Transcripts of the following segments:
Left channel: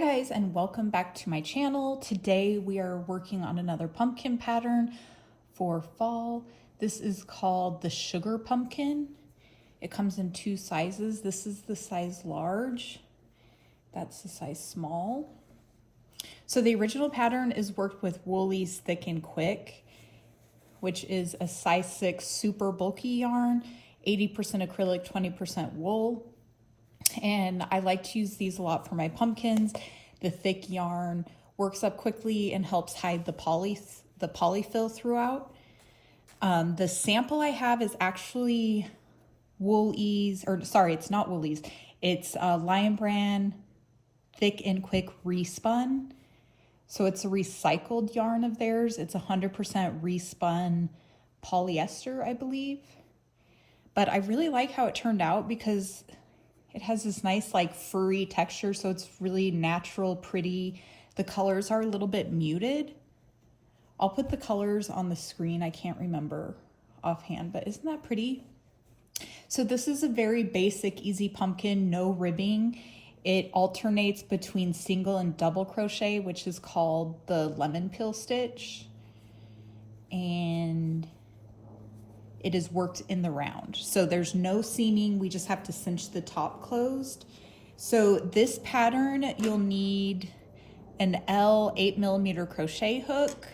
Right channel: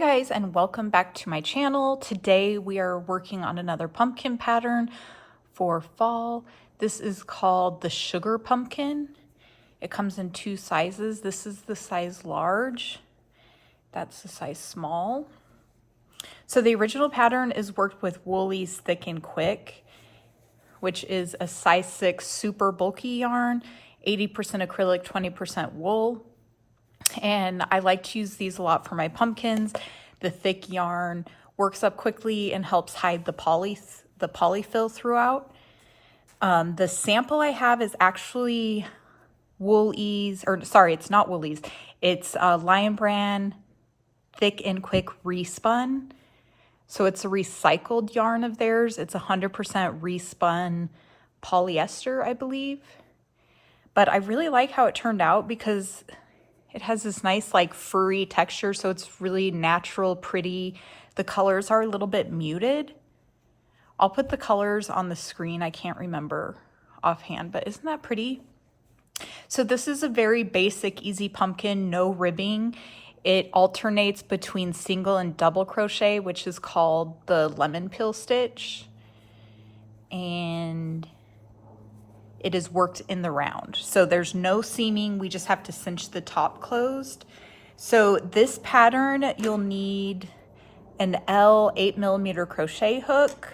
guys, and welcome back to my channel. Today we are working on another pumpkin pattern for fall. This is called the Sugar Pumpkin. It comes in two sizes. This is the size large. That's the size small. So the original pattern is worked with Wool-Ease Thick and Quick, which is a size 6 super bulky yarn, 80% acrylic, 20% wool. And I like to use these a lot for my pumpkins. The thick yarn works up quickly and helps hide the Poly-Fil throughout. The sample I have is actually Wool-Ease, or sorry, it's not Wool-Ease. It's Lion Brand Thick and Quick Respun. So it's a recycled yarn of theirs. It's 100% respun polyester, I believe. But I really like how it turned out because it has this nice like furry texture, so it's really natural, pretty. The colors are a little bit muted. I'll put the colors on the screen. I can't remember offhand, but isn't that pretty? So this is a very basic, easy pumpkin, no ribbing. It alternates between single and double crochet, which is called the lemon peel stitch. And it is worked in the round. So there's no seaming, we just have to cinch the top closed. So this pattern, you'll need an L 8mm crochet hook,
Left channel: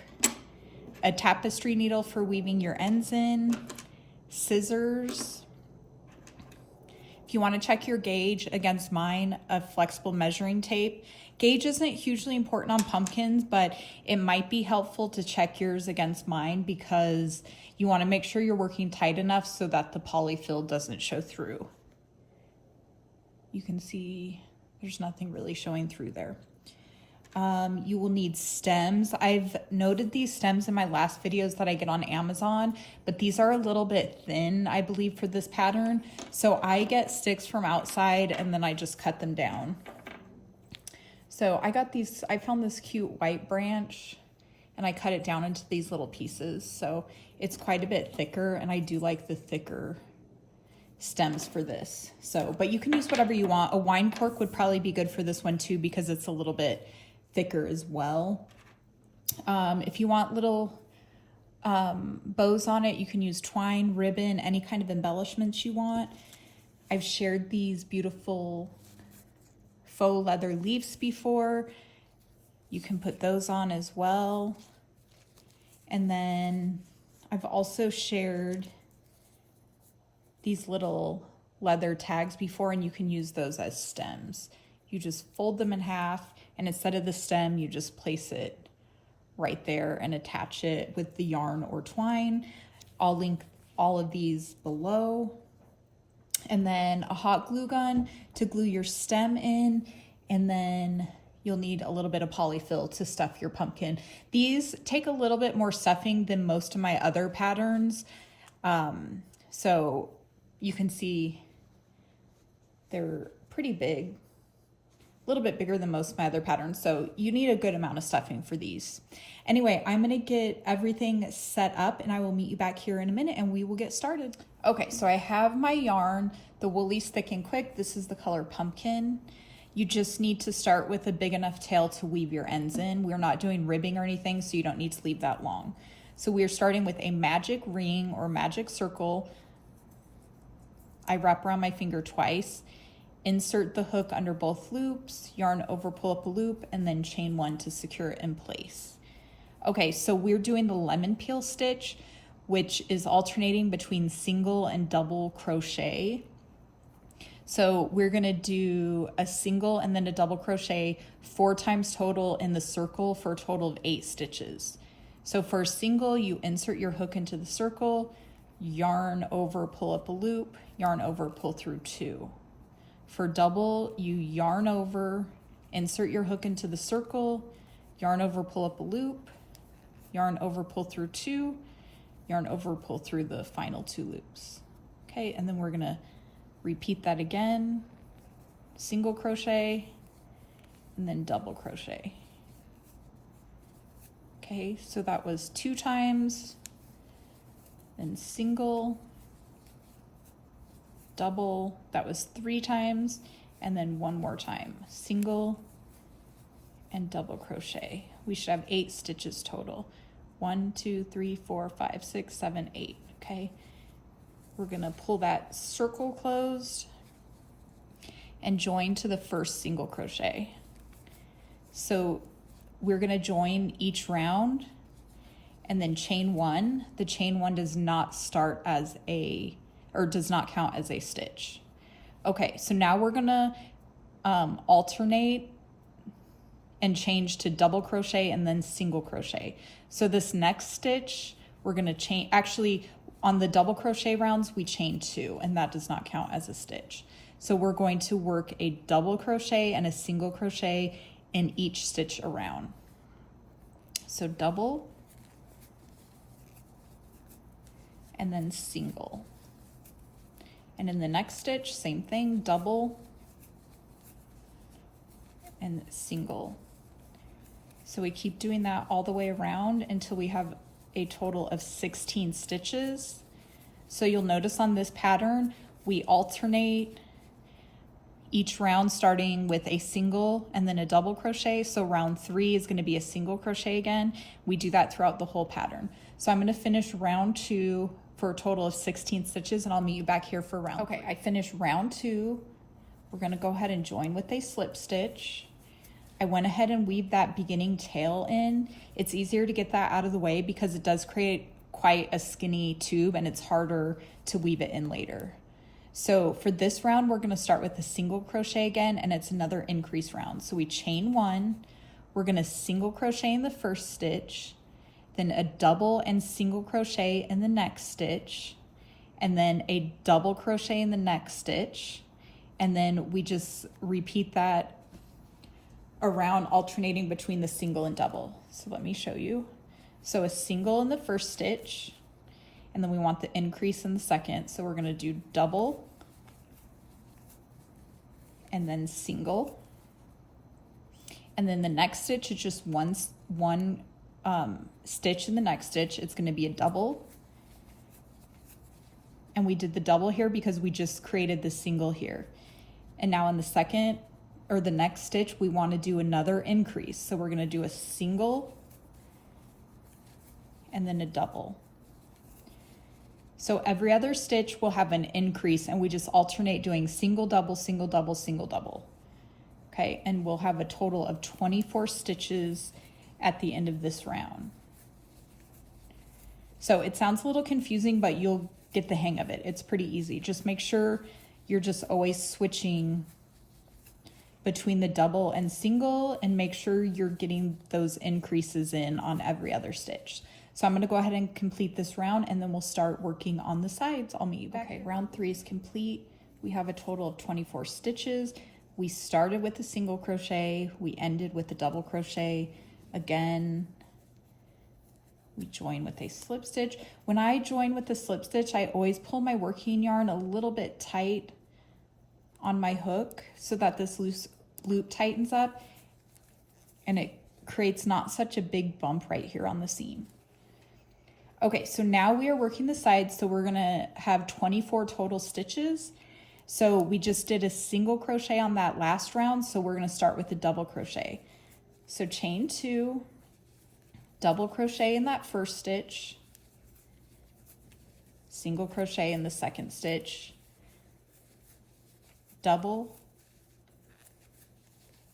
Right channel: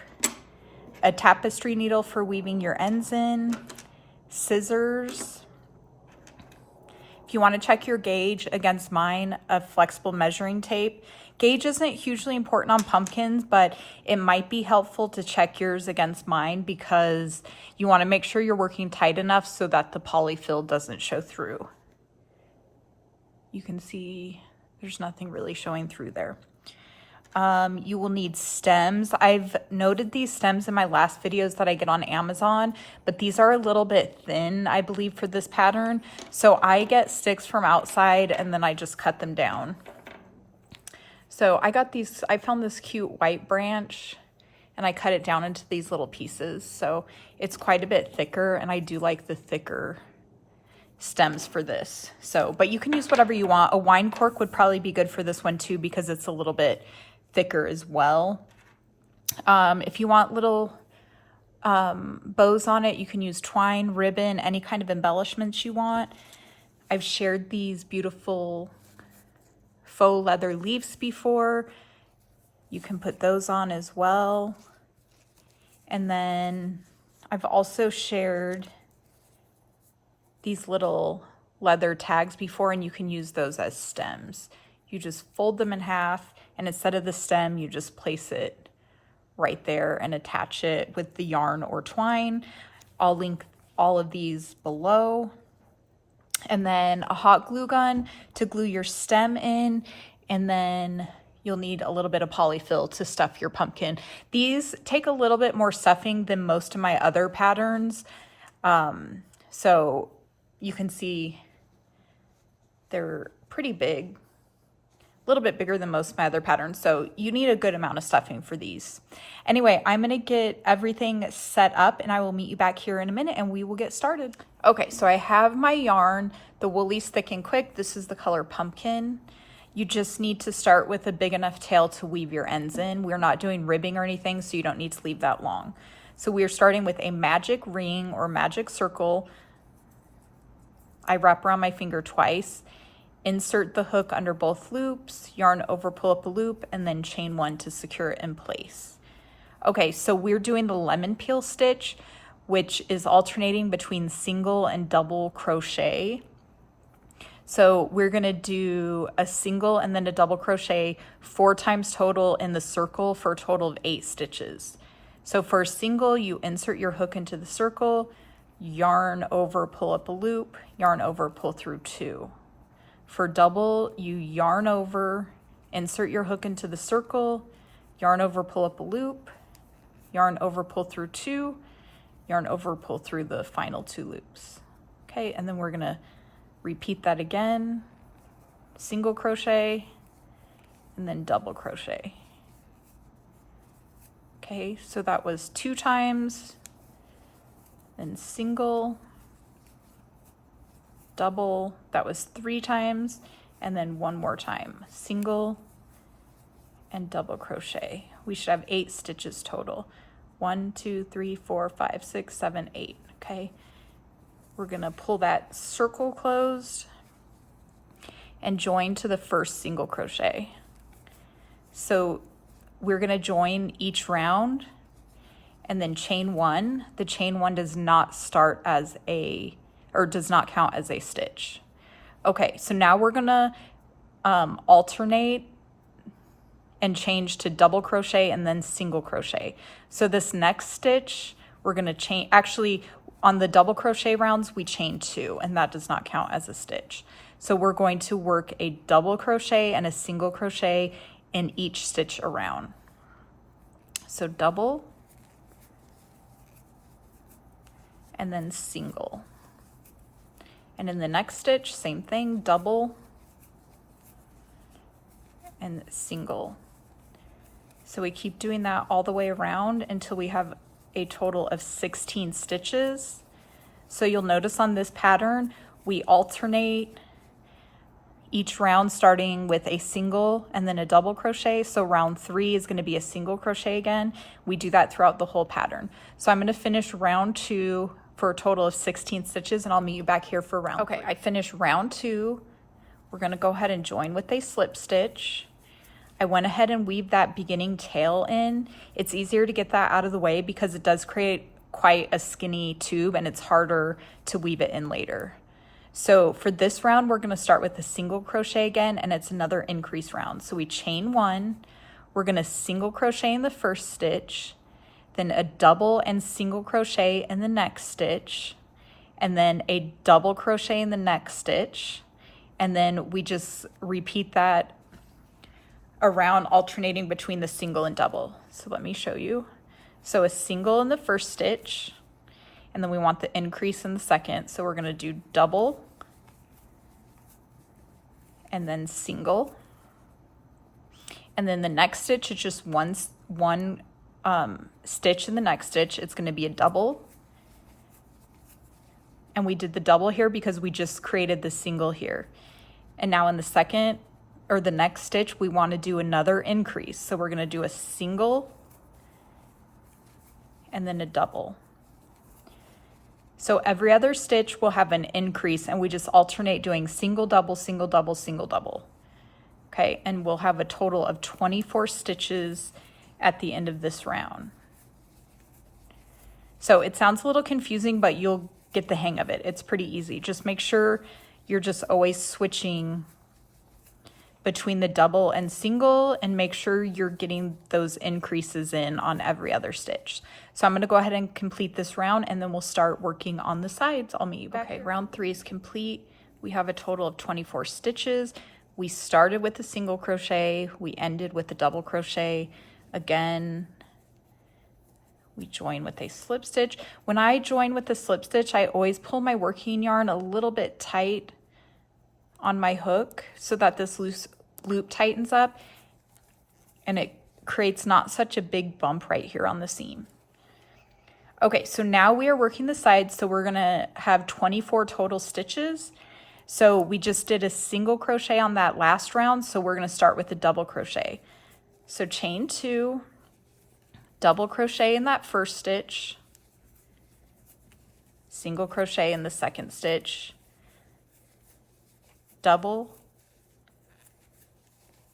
a tapestry needle for weaving your ends in, scissors. If you want to check your gauge against mine, a flexible measuring tape. Gauge isn't hugely important on pumpkins, but it might be helpful to check yours against mine because you want to make sure you're working tight enough so that the Poly-Fil doesn't show through. You can see there's nothing really showing through there. You will need stems. I've noted these stems in my last videos that I get on Amazon, but these are a little bit thin, I believe, for this pattern. So I get sticks from outside and then I just cut them down. So I got these, I found this cute white branch and I cut it down into these little pieces. So it's quite a bit thicker, and I do like the thicker stems for this. So, but you can use whatever you want. A wine cork would probably be good for this one too because it's a little bit thicker as well. If you want little bows on it, you can use twine, ribbon, any kind of embellishments you want. I've shared these beautiful faux leather leaves before. You can put those on as well. And then I've also shared these little leather tags before, and you can use those as stems. You just fold them in half, and instead of the stem, you just place it right there and attach it with the yarn or twine. I'll link all of these below. And then a hot glue gun to glue your stem in, and then you'll need a little bit of Poly-Fil to stuff your pumpkin. These take a little bit more stuffing than most of my other patterns. So you can see they're pretty big, a little bit bigger than most of my other patterns. So you need a good amount of stuffing for these. Anyway, I'm gonna get everything set up and I will meet you back here in a minute and we will get started. Okay, so I have my yarn, the Wool-Ease Thick and Quick. This is the color Pumpkin. You just need to start with a big enough tail to weave your ends in. We're not doing ribbing or anything, so you don't need to leave that long. So we're starting with a magic ring or magic circle. I wrap around my finger twice, insert the hook under both loops, yarn over, pull up a loop, and then chain one to secure it in place. Okay, so we're doing the lemon peel stitch, which is alternating between single and double crochet. So we're gonna do a single and then a double crochet 4 times total in the circle for a total of 8 stitches. So for a single, you insert your hook into the circle, yarn over, pull up a loop, yarn over, pull through 2. For double, you yarn over, insert your hook into the circle, yarn over, pull up a loop, yarn over, pull through 2, yarn over, pull through the final 2 loops. Okay, and then we're gonna repeat that again, single crochet, and then double crochet. Okay, so that was 2 times, then single, double, that was 3 times, and then one more time, single, and double crochet. We should have 8 stitches total. 1, 2, 3, 4, 5, 6, 7, 8. Okay, we're gonna pull that circle closed and join to the first single crochet. So we're gonna join each round and then chain 1. The chain 1 does not start as does not count as a stitch. Okay, so now we're gonna alternate and change to double crochet and then single crochet. So this next stitch, we're gonna chain, actually on the double crochet rounds, we chain 2 and that does not count as a stitch. So we're going to work a double crochet and a single crochet in each stitch around. So double and then single. And in the next stitch, same thing, double and single. So we keep doing that all the way around until we have a total of 16 stitches. So you'll notice on this pattern, we alternate each round starting with a single and then a double crochet. So round 3 is going to be a single crochet again. We do that throughout the whole pattern. So I'm going to finish round 2 for a total of 16 stitches and I'll meet you back here for round 3. I finished round 2. We're going to go ahead and join with a slip stitch. I went ahead and weaved that beginning tail in. It's easier to get that out of the way because it does create quite a skinny tube and it's harder to weave it in later. So for this round, we're gonna start with a single crochet again, and it's another increase round. So we chain 1, we're gonna single crochet in the first stitch, then a double and single crochet in the next stitch, and then a double crochet in the next stitch. And then we just repeat that around, alternating between the single and double. So let me show you. So a single in the first stitch, and then we want the increase in the second. So we're gonna do double and then single. And then the next stitch is just one stitch in the next stitch. It's gonna be a double. And we did the double here because we just created the single here. And now in the second, or the next stitch, we want to do another increase. So we're going to do a single and then a double. So every other stitch will have an increase and we just alternate doing single, double, single, double, single, double. Okay, and we'll have a total of 24 stitches at the end of this round. So it sounds a little confusing, but you'll get the hang of it. It's pretty easy. Just make sure you're just always switching between the double and single and make sure you're getting those increases in on every other stitch. So I'm going to go ahead and complete this round and then we'll start working on the sides. I'll meet you back. Okay, round 3 is complete. We have a total of 24 stitches. We started with a single crochet, we ended with a double crochet. Again, we join with a slip stitch. When I join with a slip stitch, I always pull my working yarn a little bit tight on my hook so that this loose loop tightens up and it creates not such a big bump right here on the seam. Okay, so now we are working the sides, so we're gonna have 24 total stitches. So we just did a single crochet on that last round, so we're gonna start with a double crochet. So chain 2, double crochet in that first stitch, single crochet in the second stitch, double,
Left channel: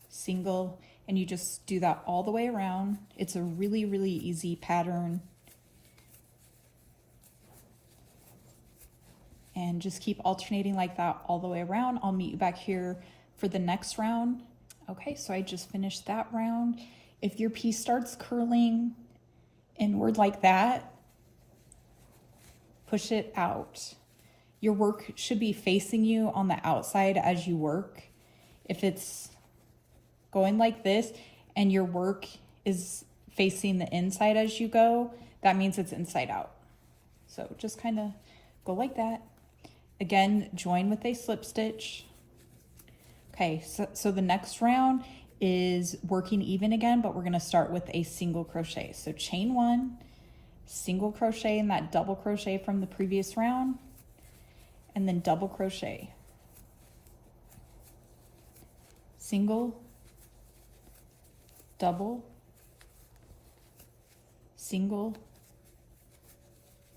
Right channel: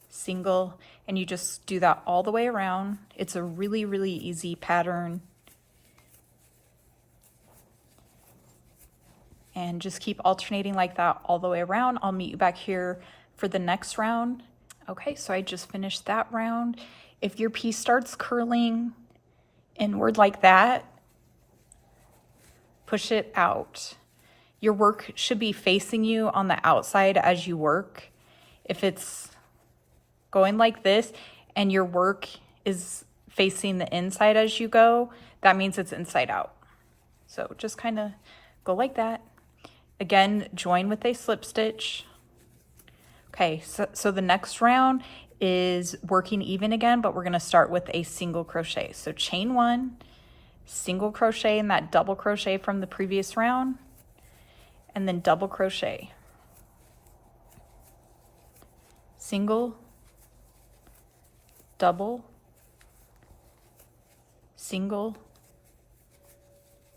single, and you just do that all the way around. It's a really, really easy pattern. And just keep alternating like that all the way around. I'll meet you back here for the next round. Okay, so I just finished that round. If your piece starts curling inward like that, push it out. Your work should be facing you on the outside as you work. If it's going like this and your work is facing the inside as you go, that means it's inside out. So just kind of go like that. Again, join with a slip stitch. Okay, so the next round is working even again, but we're gonna start with a single crochet. So chain 1, single crochet in that double crochet from the previous round, and then double crochet. Single, double, single,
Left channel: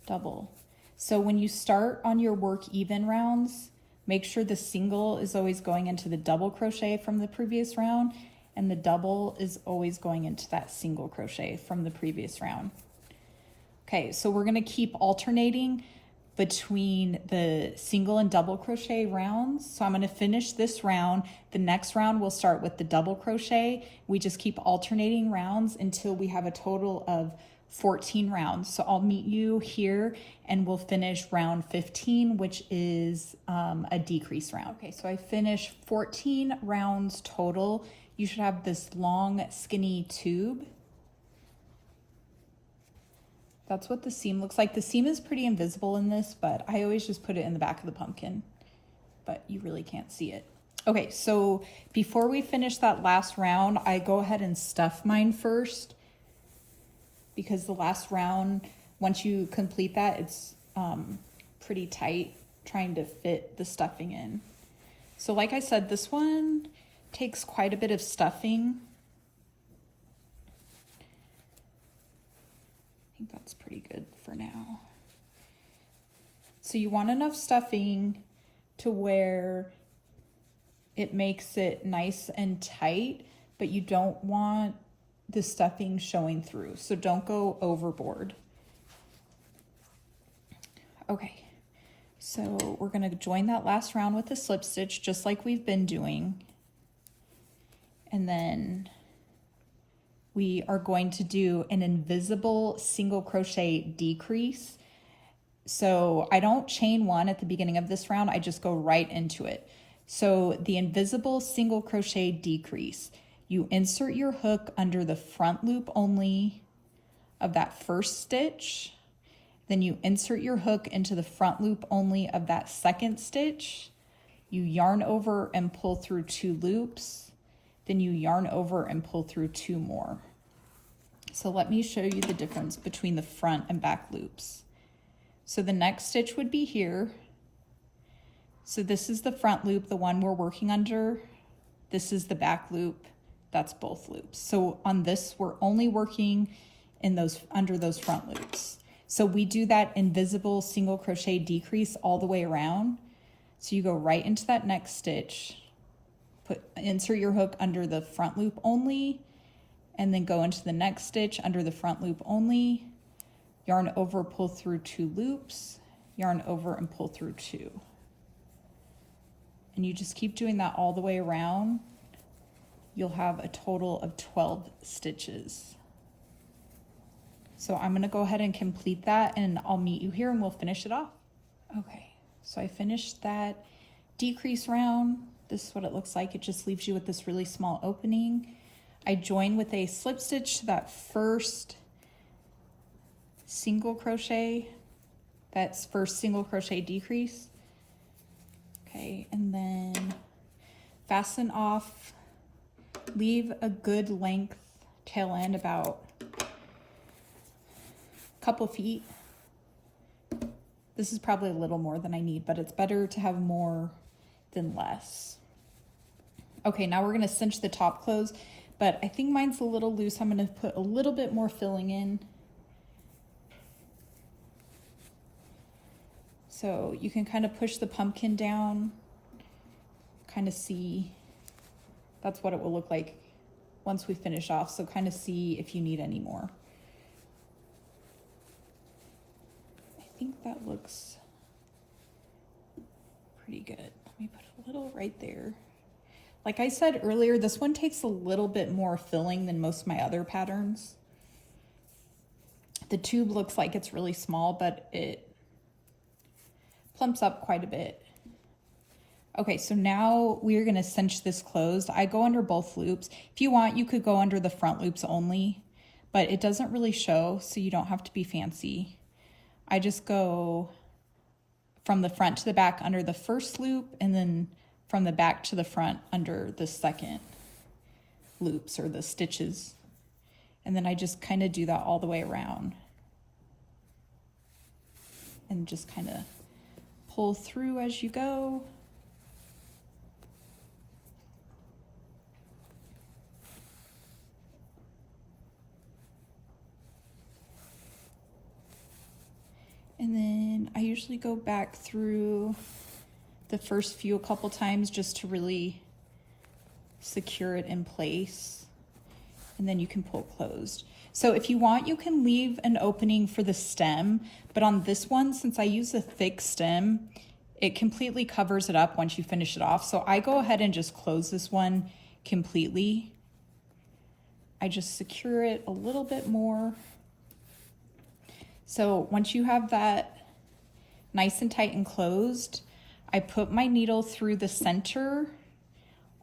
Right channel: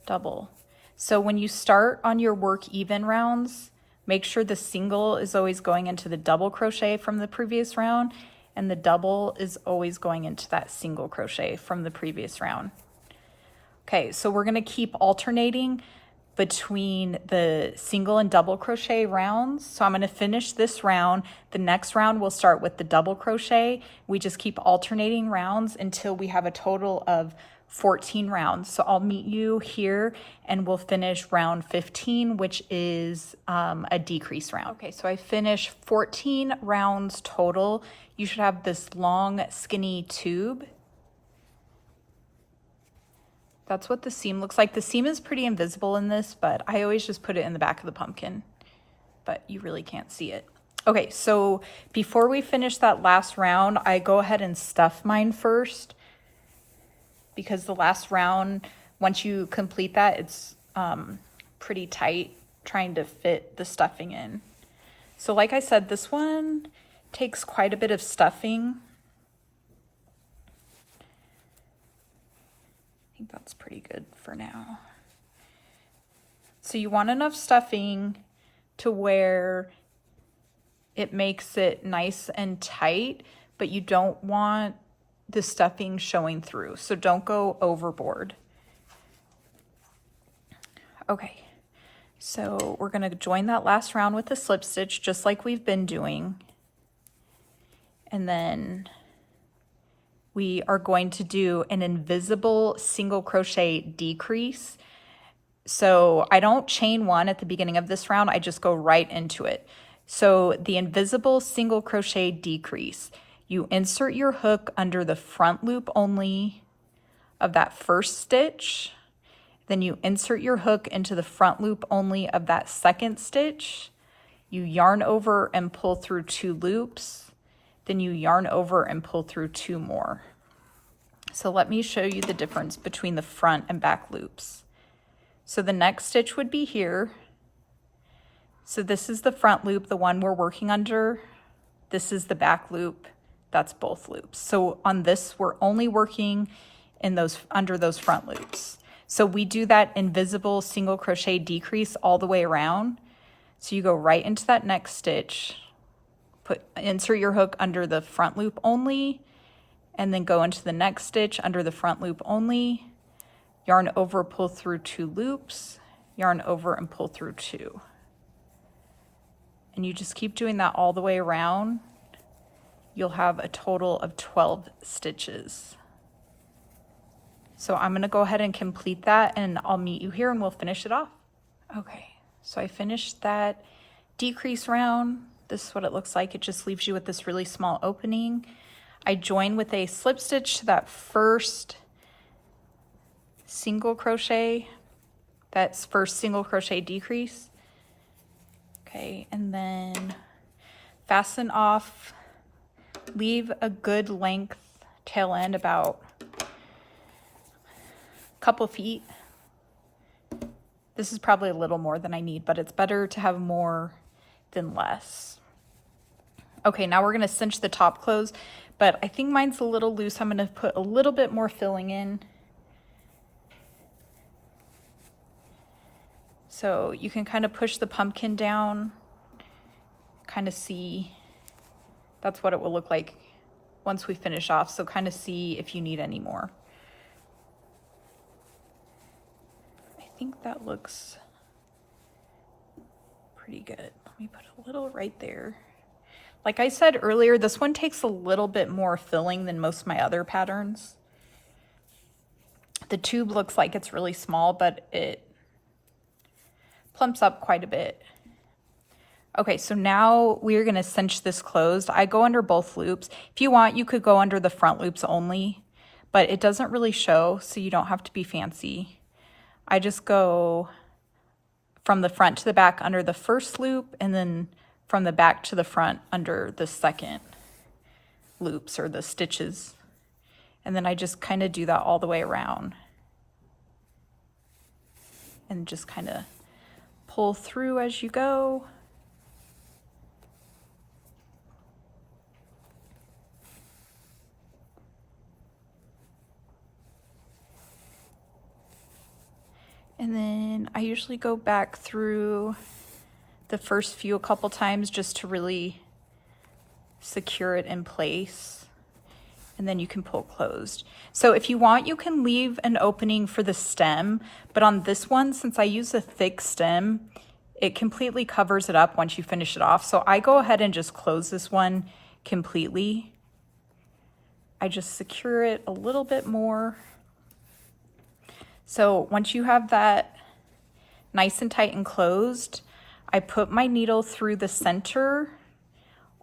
double. So when you start on your work even rounds, make sure the single is always going into the double crochet from the previous round, and the double is always going into that single crochet from the previous round. Okay, so we're gonna keep alternating between the single and double crochet rounds. So I'm gonna finish this round. The next round we'll start with the double crochet. We just keep alternating rounds until we have a total of 14 rounds. So I'll meet you here and we'll finish round 15, which is a decrease round. Okay, so I finished 14 rounds total. You should have this long skinny tube. That's what the seam looks like. The seam is pretty invisible in this, but I always just put it in the back of the pumpkin, but you really can't see it. Okay, so before we finish that last round, I go ahead and stuff mine first, because the last round, once you complete that, it's pretty tight trying to fit the stuffing in. So like I said, this one takes quite a bit of stuffing. I think that's pretty good for now. So you want enough stuffing to where it makes it nice and tight, but you don't want the stuffing showing through. So don't go overboard. Okay, so we're gonna join that last round with a slip stitch just like we've been doing. And then we are going to do an invisible single crochet decrease. So I don't chain one at the beginning of this round, I just go right into it. So the invisible single crochet decrease, you insert your hook under the front loop only of that first stitch, then you insert your hook into the front loop only of that second stitch, you yarn over and pull through 2 loops, then you yarn over and pull through 2 more. So let me show you the difference between the front and back loops. So the next stitch would be here. So this is the front loop, the one we're working under. This is the back loop, that's both loops. So on this, we're only working in those under those front loops. So we do that invisible single crochet decrease all the way around. So you go right into that next stitch, insert your hook under the front loop only, and then go into the next stitch under the front loop only, yarn over, pull through 2 loops, yarn over and pull through 2. And you just keep doing that all the way around. You'll have a total of 12 stitches. So I'm gonna go ahead and complete that and I'll meet you here and we'll finish it off. Okay, so I finished that decrease round. This is what it looks like. It just leaves you with this really small opening. I join with a slip stitch to that first single crochet, that's first single crochet decrease. Okay, and then fasten off, leave a good length tail end, about a couple feet. This is probably a little more than I need, but it's better to have more than less. Okay, now we're gonna cinch the top close, but I think mine's a little loose. I'm gonna put a little bit more filling in. So you can kind of push the pumpkin down, kind of see, that's what it will look like once we finish off. So kind of see if you need any more. I think that looks pretty good. Let me put a little right there. Like I said earlier, this one takes a little bit more filling than most of my other patterns. The tube looks like it's really small, but it plumps up quite a bit. Okay, so now we're gonna cinch this closed. I go under both loops. If you want, you could go under the front loops only, but it doesn't really show, so you don't have to be fancy. I just go from the front to the back under the first loop, and then from the back to the front under the second loops or the stitches. And then I just kind of do that all the way around. And just kind of pull through as you go. I usually go back through the first few a couple times just to really secure it in place, and then you can pull closed. So if you want, you can leave an opening for the stem, but on this one, since I use a thick stem, it completely covers it up once you finish it off. So I go ahead and just close this one completely. I just secure it a little bit more. So once you have that nice and tight and closed, I put my needle through the center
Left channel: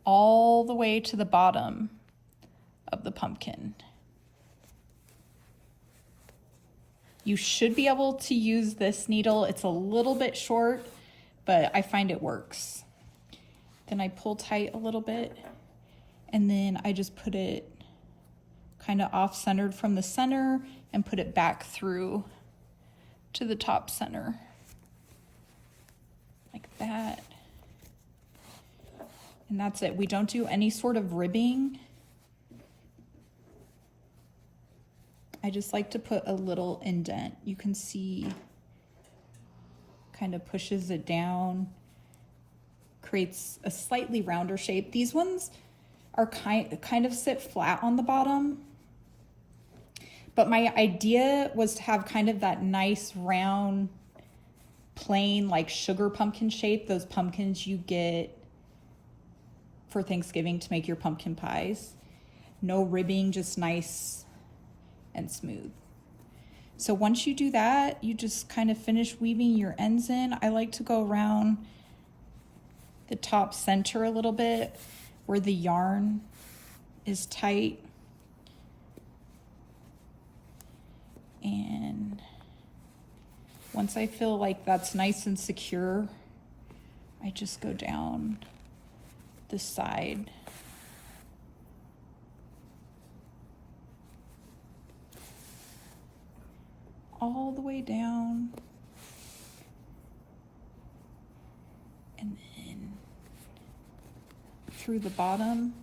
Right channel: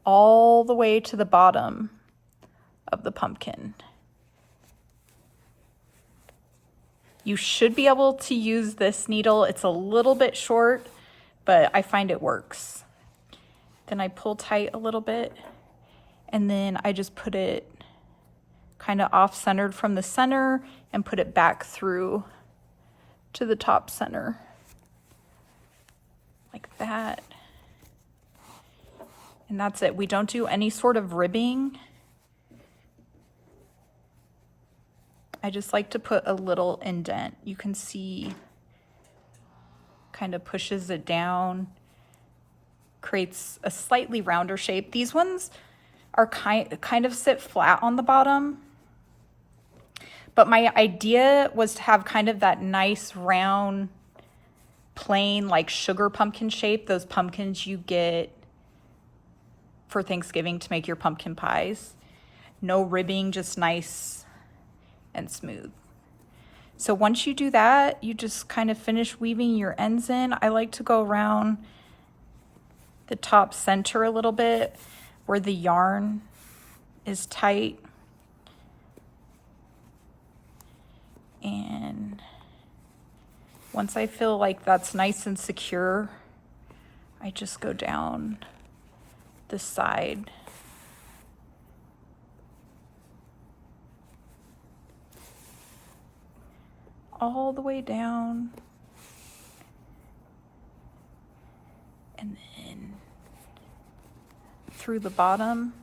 all the way to the bottom of the pumpkin. You should be able to use this needle. It's a little bit short, but I find it works. Then I pull tight a little bit, and then I just put it kind of off-centered from the center and put it back through to the top center, like that. And that's it. We don't do any sort of ribbing. I just like to put a little indent. You can see kind of pushes it down, creates a slightly rounder shape. These ones are kind of sit flat on the bottom, but my idea was to have kind of that nice round, plain, like sugar pumpkin shape, those pumpkins you get for Thanksgiving to make your pumpkin pies. No ribbing, just nice and smooth. So once you do that, you just kind of finish weaving your ends in. I like to go around the top center a little bit where the yarn is tight. And once I feel like that's nice and secure, I just go down the side. All the way down. And then through the bottom.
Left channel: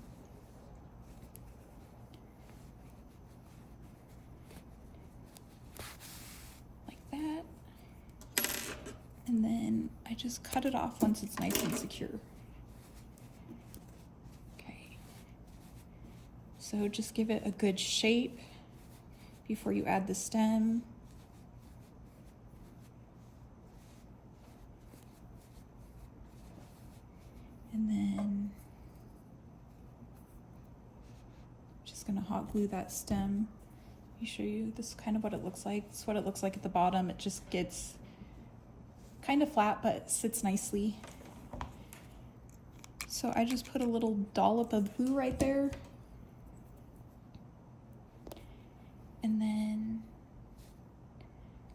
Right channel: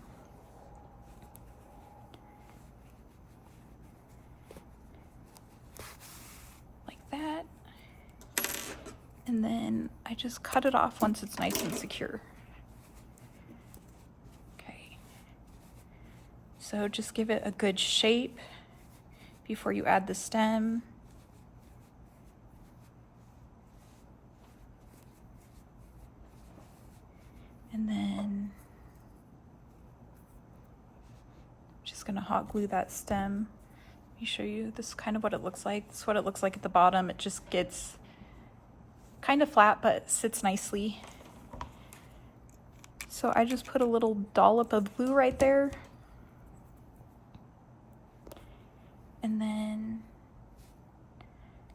Like that. And then I just cut it off once it's nice and secure. Okay. So just give it a good shape before you add the stem. And then just gonna hot glue that stem. Let me show you, this is kind of what it looks like. This is what it looks like at the bottom. It just gets kind of flat, but sits nicely. So I just put a little dollop of glue right there. And then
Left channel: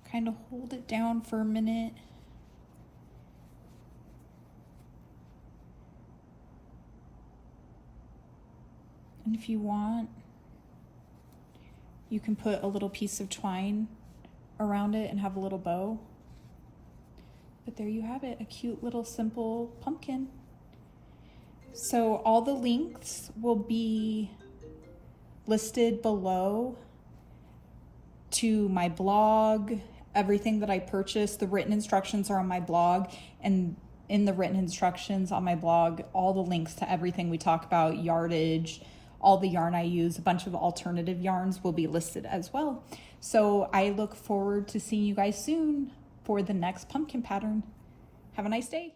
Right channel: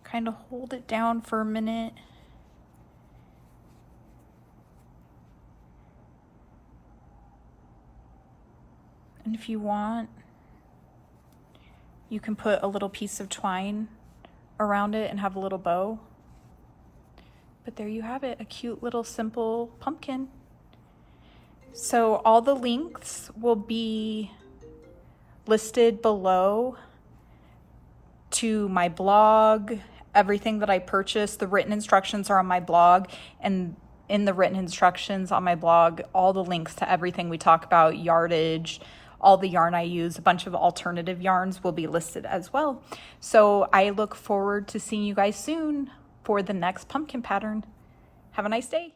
kind of hold it down for a minute. And if you want, you can put a little piece of twine around it and have a little bow. But there you have it, a cute little simple pumpkin. So all the links will be listed below to my blog, everything that I purchased. The written instructions are on my blog, and in the written instructions on my blog, all the links to everything we talk about, yardage, all the yarn I use, a bunch of alternative yarns will be listed as well. So I look forward to seeing you guys soon for the next pumpkin pattern. Have a nice day.